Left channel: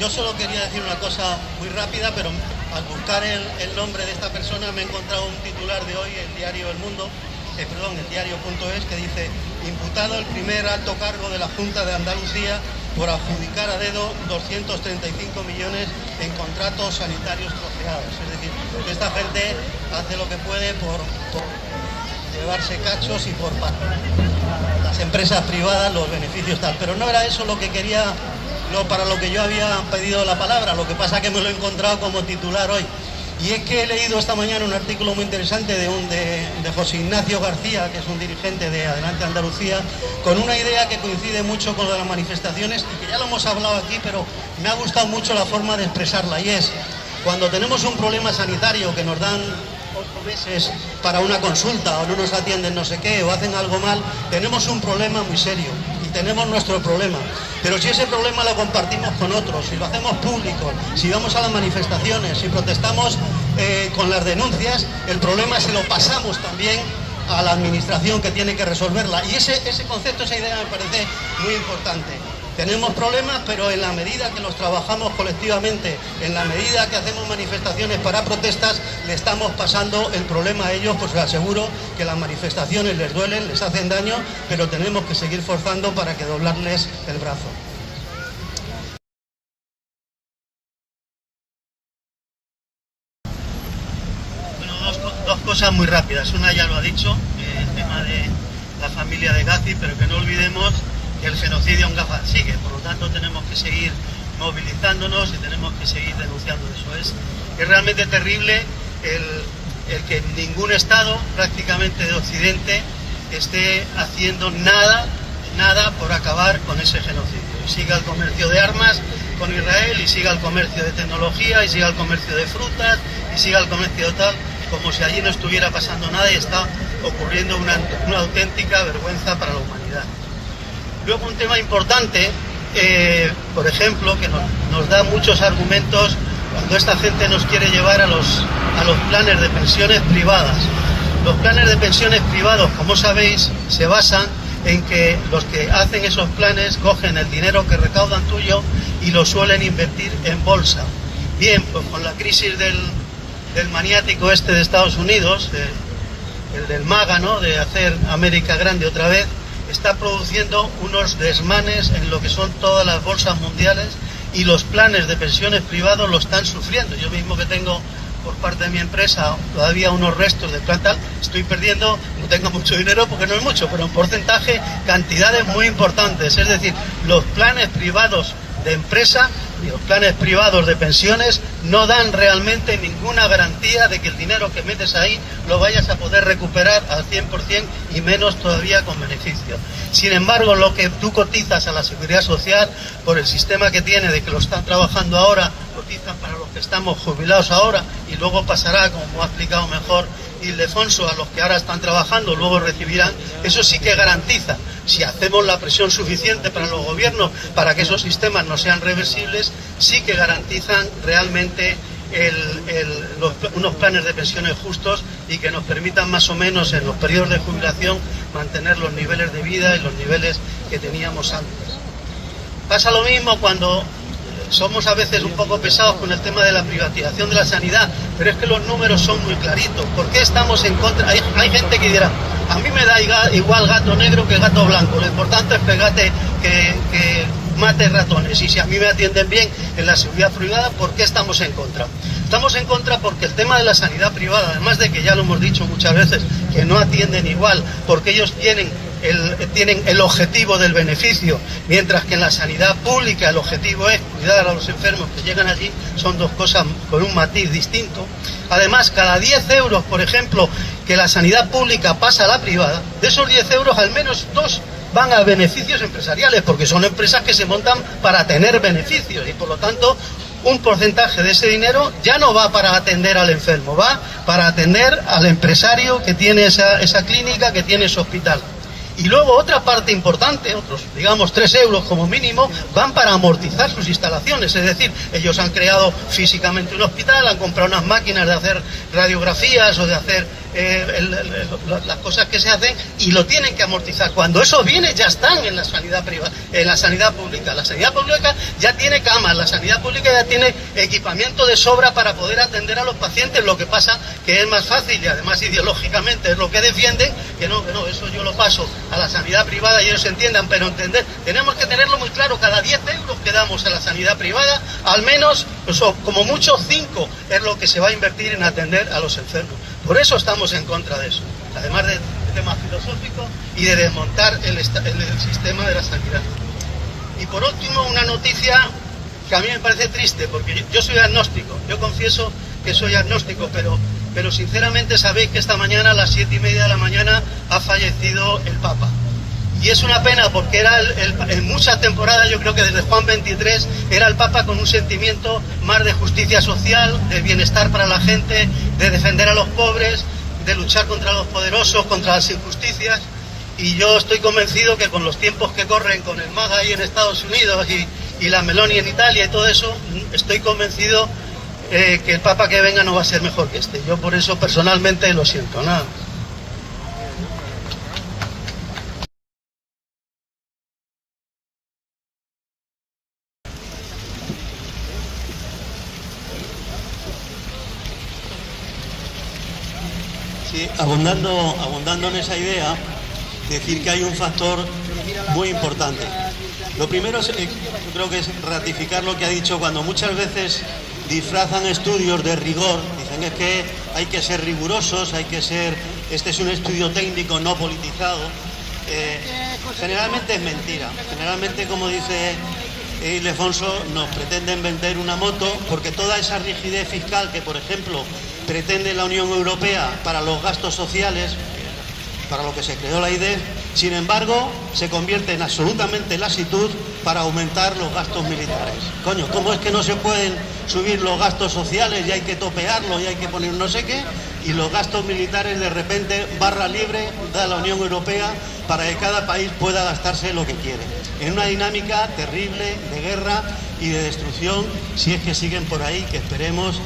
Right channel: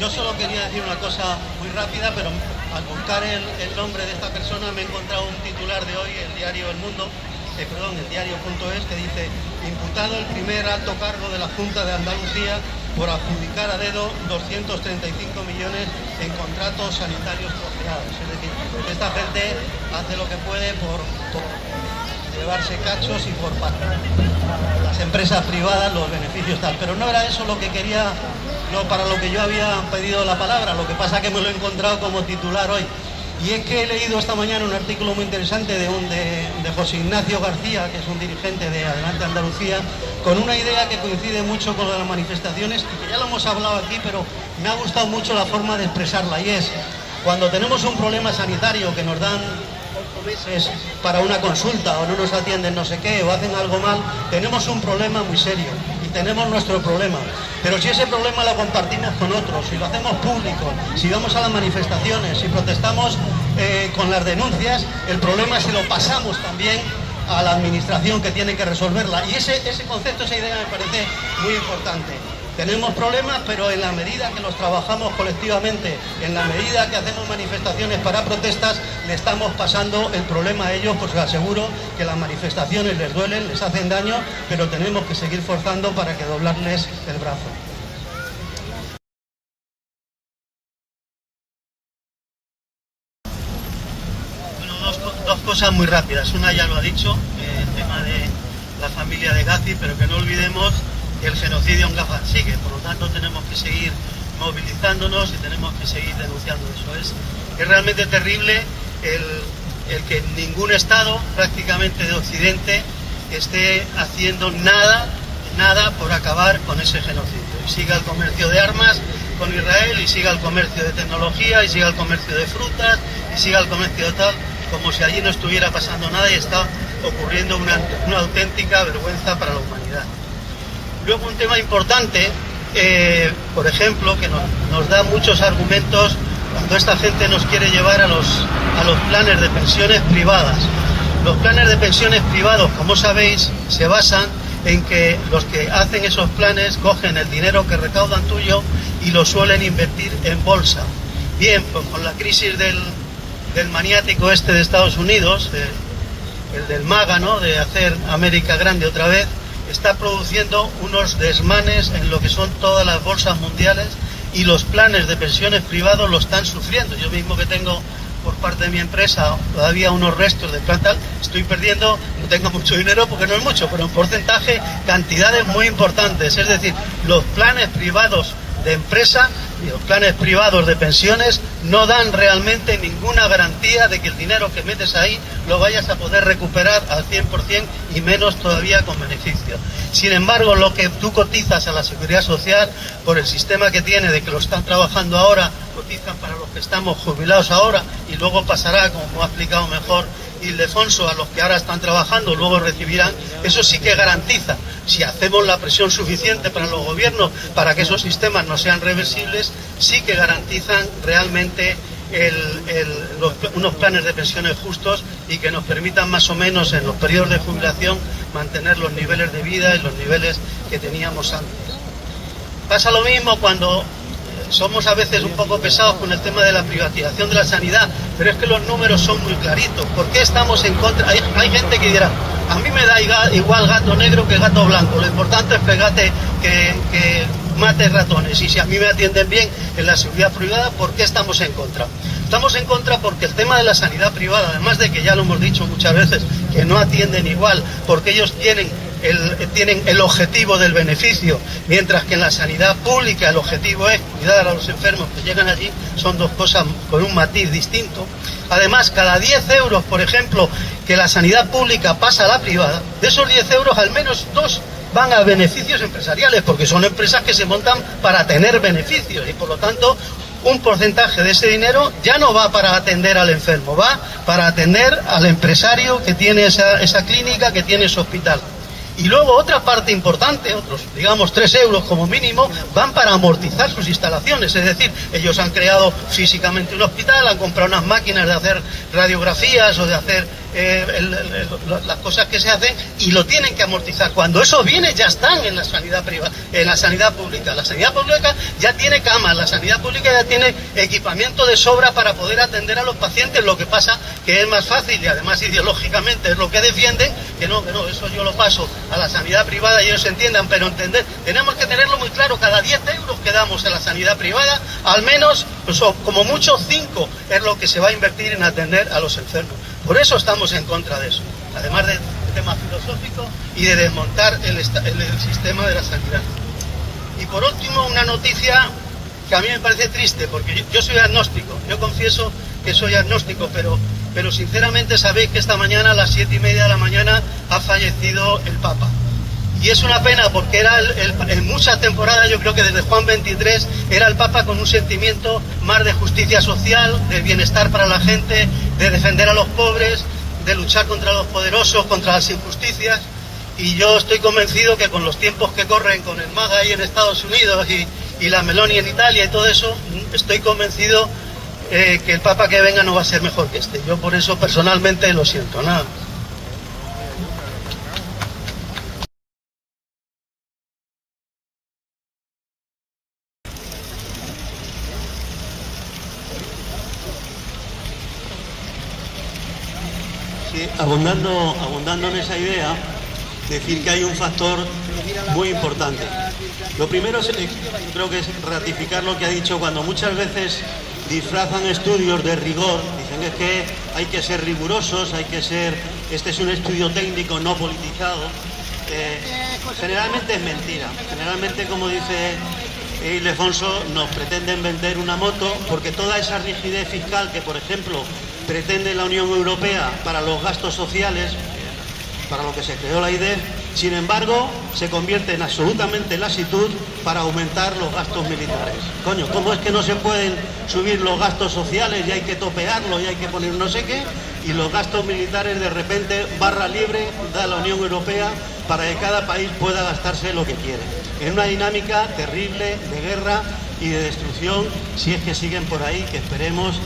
Yo solo quería decir una cosa muy rápida, pero al buscar el nombre de esta persona me he encontrado un titular de hoy, el diario El Mundo, el diario.es, que dice: imputado el primer alto cargo de la Junta de Andalucía por adjudicar a dedo 235 millones en contratos sanitarios coordinados. Es decir, esta gente hace lo que puede por llevarse cachos y por pagar a las empresas privadas los beneficios tal. Pero no era eso lo que quería, para lo que yo había pedido la palabra. Lo que pasa es que me lo he encontrado como titular hoy. Y es que he leído esta mañana un artículo muy interesante de José Ignacio García, que es un dirigente de Adelante Andalucía, con una idea que coincide mucho con las manifestaciones y que ya lo hemos hablado aquí, pero me ha gustado mucho la forma de expresarla, y es: cuando tenemos un problema sanitario que nos dan 8 meses para una consulta, o no nos atienden no sé qué, o hacen algo mal, tenemos un problema muy serio y tenemos nuestro problema. Pero si ese problema lo compartimos con otros, si lo hacemos público, si vamos a las manifestaciones, si protestamos con las denuncias, el problema se lo pasamos también a la administración que tiene que resolverla. Y ese concepto, esa idea me parece muy importante. Tenemos problemas, pero en la medida que los trabajamos colectivamente, en la medida que hacemos manifestaciones para protestas, le estamos pasando el problema a ellos. Pues les aseguro que las manifestaciones les duelen, les hacen daño, pero tenemos que seguir forzando para que doblarles el brazo. Bueno, dos cosas muy rápidas. Una ya lo ha dicho, el tema de la familia de Gazi, pero que no olvidemos que el genocidio en Gaza sigue. Por lo tanto, tenemos que seguir movilizándonos y tenemos que seguir denunciando eso. Es realmente terrible el que ningún Estado prácticamente de Occidente esté haciendo nada por acabar con ese genocidio. Y siga el comercio de armas con Israel, y siga el comercio de tecnología, y siga el comercio de frutas, y siga el comercio de tal, como si allí no estuviera pasando nada, y está ocurriendo una auténtica vergüenza para la humanidad. Luego, un tema importante, por ejemplo, que nos da muchos argumentos cuando esta gente nos quiere llevar a los planes de pensiones privadas. Los planes de pensiones privados, como sabéis, se basan en que los que hacen esos planes cogen el dinero que recaudan tuyo y lo suelen invertir en bolsa. Bien, pues con la crisis del maniático este de Estados Unidos, el del MAGA, ¿no?, de hacer América grande otra vez, está produciendo unos desmanes en lo que son todas las bolsas mundiales, y los planes de pensiones privados lo están sufriendo. Yo mismo, que tengo por parte de mi empresa todavía unos restos de planta, estoy perdiendo, no tengo mucho dinero porque no es mucho, pero en porcentaje, cantidades muy importantes. Es decir, los planes privados de empresa y los planes privados de pensiones no dan realmente ninguna garantía de que el dinero que metes ahí lo vayas a poder recuperar al 100%, y menos todavía con beneficio. Sin embargo, lo que tú cotizas a la Seguridad Social, por el sistema que tiene de que lo están trabajando ahora, cotizan para los que estamos jubilados ahora, y luego pasará, como ha explicado mejor Ildefonso, a los que ahora están trabajando, luego recibirán. Eso sí que garantiza, si hacemos la presión suficiente para los gobiernos para que esos sistemas no sean reversibles, sí que garantizan realmente unos planes de pensiones justos, y que nos permitan más o menos en los periodos de jubilación mantener los niveles de vida y los niveles que teníamos antes. Pasa lo mismo cuando somos a veces un poco pesados con el tema de la privatización de la sanidad, pero es que los números son muy claritos. ¿Por qué estamos en contra? Hay gente que dirá: a mí me da igual gato negro que gato blanco, lo importante es que mate ratones, y si a mí me atienden bien en la seguridad privada, ¿por qué estamos en contra? Estamos en contra porque el tema de la sanidad privada, además de que ya lo hemos dicho muchas veces, que no atienden igual, porque ellos tienen el objetivo del beneficio, mientras que en la sanidad pública el objetivo es cuidar a los enfermos que llegan allí. Son dos cosas con un matiz distinto. Además, cada 10 euros, por ejemplo, que la sanidad pública pasa a la privada, de esos 10 euros al menos 2 van a beneficios empresariales, porque son empresas que se montan para tener beneficios, y por lo tanto un porcentaje de ese dinero ya no va para atender al enfermo, va para atender al empresario que tiene esa clínica, que tiene ese hospital. Y luego otra parte importante, otros, digamos, 3 euros como mínimo, van para amortizar sus instalaciones. Es decir, ellos han creado físicamente un hospital, han comprado unas máquinas de hacer radiografías o de hacer las cosas que se hacen, y lo tienen que amortizar. Cuando esos bienes ya están en la sanidad privada, en la sanidad pública. La sanidad pública ya tiene camas, la sanidad pública ya tiene equipamiento de sobra para poder atender a los pacientes. Lo que pasa que es más fácil, y además ideológicamente es lo que defienden, que no, eso yo lo paso a la sanidad privada y ellos entiendan, pero entender, tenemos que tenerlo muy claro: cada 10 euros que damos a la sanidad privada, al menos, pues, como mucho 5 es lo que se va a invertir en atender a los enfermos. Por eso estamos en contra de eso, además del tema filosófico y de desmontar el sistema de la sanidad. Y por último, una noticia que a mí me parece triste, porque yo soy agnóstico, yo confieso que soy agnóstico, pero sinceramente sabéis que esta mañana a las 7:30 de la mañana ha fallecido el Papa. Y es una pena, porque era en muchas temporadas, yo creo que desde Juan XXIII, era el Papa con un sentimiento más de justicia social, de bienestar para la gente, de defender a los pobres, de luchar contra los poderosos, contra las injusticias. Y yo estoy convencido que con los tiempos que corren, con el MAGA ahí en Estados Unidos y la Meloni en Italia y todo eso, estoy convencido que el Papa que venga no va a ser mejor que este. Yo por eso personalmente lo siento, nada. Sí, abundando en esa idea, decir que hay un factor muy importante. Lo primero creo que es ratificar lo que ha dicho, cuando muchas veces disfrazan estudios de rigor, dicen es que hay que ser rigurosos, este es un estudio técnico no politizado. Generalmente es mentira. Generalmente, como dice Ildefonso, nos pretenden vender una moto, porque toda esa rigidez fiscal que, por ejemplo, pretende la Unión Europea para los gastos sociales, para lo que se creó la IDEF, sin embargo, se convierte en absolutamente lasitud para aumentar los gastos militares. Coño, ¿cómo es que no se pueden subir los gastos sociales y hay que topearlo y hay que poner no sé qué? Y los gastos militares, de repente, barra libre da la Unión Europea para que cada país pueda gastarse lo que quiere. En una dinámica terrible de guerra y de destrucción, si es que siguen por ahí, que esperemos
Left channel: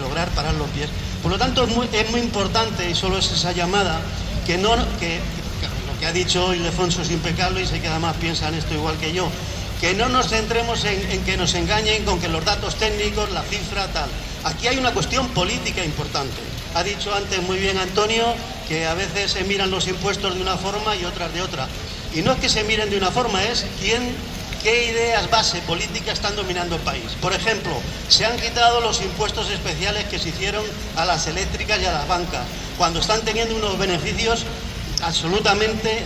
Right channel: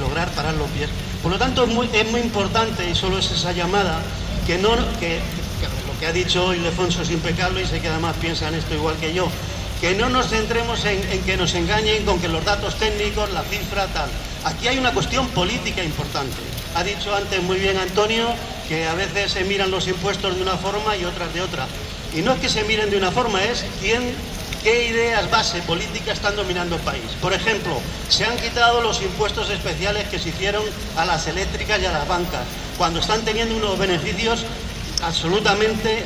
lograr parar los pies. Por lo tanto, es muy importante, y solo es esa llamada, que ha dicho Ildefonso es impecable, y sé que además piensan esto igual que yo, que no nos centremos en que nos engañen con que los datos técnicos, la cifra, tal. Aquí hay una cuestión política importante. Ha dicho antes muy bien Antonio que a veces se miran los impuestos de una forma y otras de otra. Y no es que se miren de una forma, es qué ideas base política están dominando el país. Por ejemplo, se han quitado los impuestos especiales que se hicieron a las eléctricas y a las bancas, cuando están teniendo unos beneficios absolutamente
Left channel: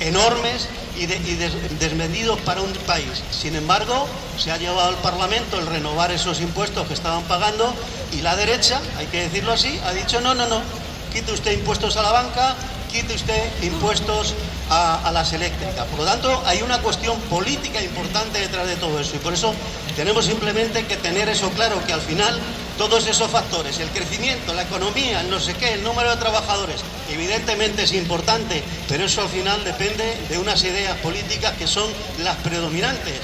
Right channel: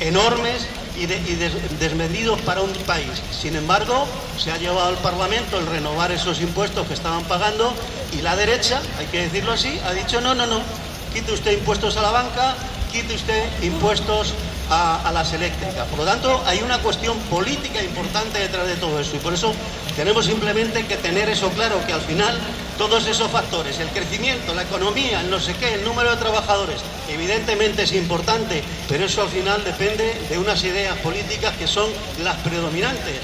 enormes y desmedidos para un país. Sin embargo, se ha llevado al Parlamento el renovar esos impuestos que estaban pagando, y la derecha, hay que decirlo así, ha dicho no, quite usted impuestos a la banca, quite usted impuestos a las eléctricas. Por lo tanto, hay una cuestión política importante detrás de todo eso, y por eso tenemos simplemente que tener eso claro, que al final todos esos factores, el crecimiento, la economía, el no sé qué, el número de trabajadores, evidentemente es importante, pero eso al final depende de unas ideas políticas que son las predominantes.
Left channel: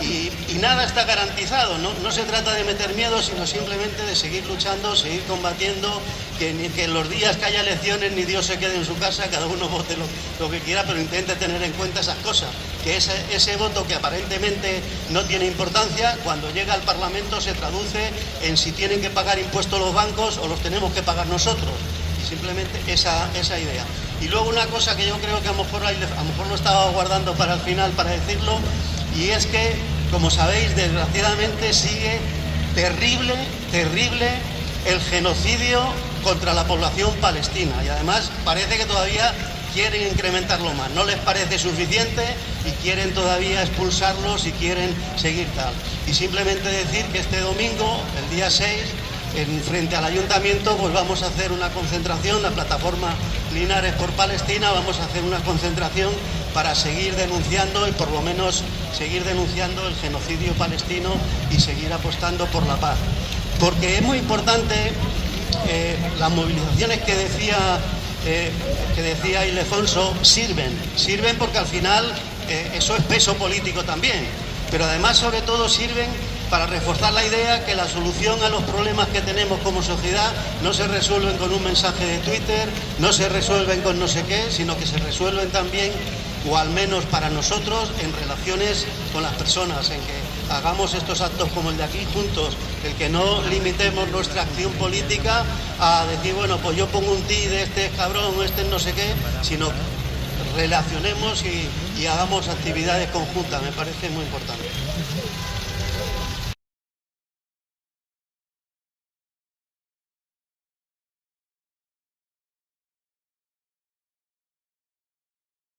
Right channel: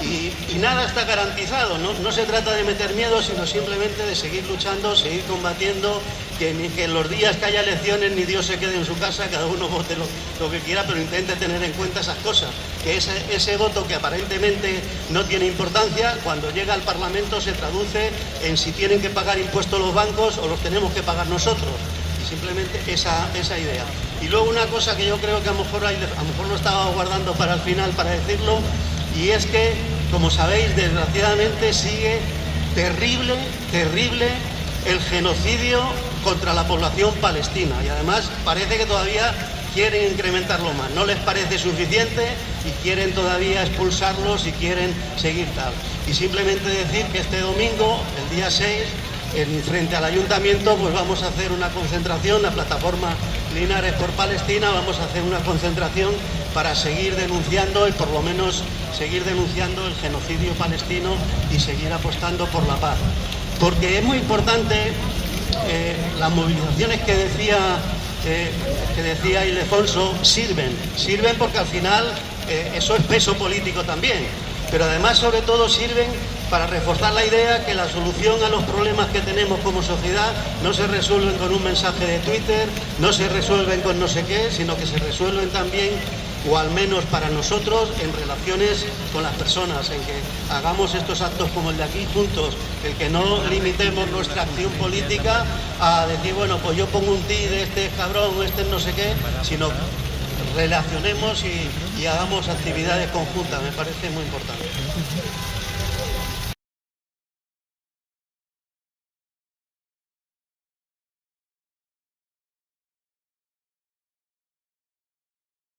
Y nada está garantizado, no se trata de meter miedo, sino simplemente de seguir luchando, seguir combatiendo, que en los días que haya elecciones ni Dios se quede en su casa, cada uno vote lo que quiera, pero intente tener en cuenta esas cosas, que ese voto que aparentemente no tiene importancia, cuando llega al Parlamento se traduce en si tienen que pagar impuestos los bancos o los tenemos que pagar nosotros. Y simplemente esa idea. Y luego una cosa que yo creo que a lo mejor lo estaba guardando para el final para decirlo, y es que, como sabéis, desgraciadamente sigue terrible el genocidio contra la población palestina, y además parece que todavía quieren incrementarlo más, no les parece suficiente y quieren todavía expulsarlos y quieren seguir tal. Y simplemente decir que este domingo, el día 6, frente al ayuntamiento, pues vamos a hacer una concentración, la plataforma Linares por Palestina, vamos a hacer una concentración para seguir denunciando, y por lo menos seguir denunciando el genocidio palestino y seguir apostando por la paz. Porque es muy importante, las movilizaciones que decía Ildefonso sirven porque al final eso es peso político también, pero además sobre todo sirven para reforzar la idea que la solución a los problemas que tenemos como sociedad no se resuelven con un mensaje de Twitter, no se resuelven con no sé qué, sino que se resuelven también, o al menos para nosotros, en relaciones con las personas, en que hagamos estos actos como el de aquí juntos, el que no limitemos nuestra acción política a decir, bueno, pues yo pongo un ti de este cabrón o este no sé qué, sino relacionemos y hagamos actividades conjuntas, me parece muy importante.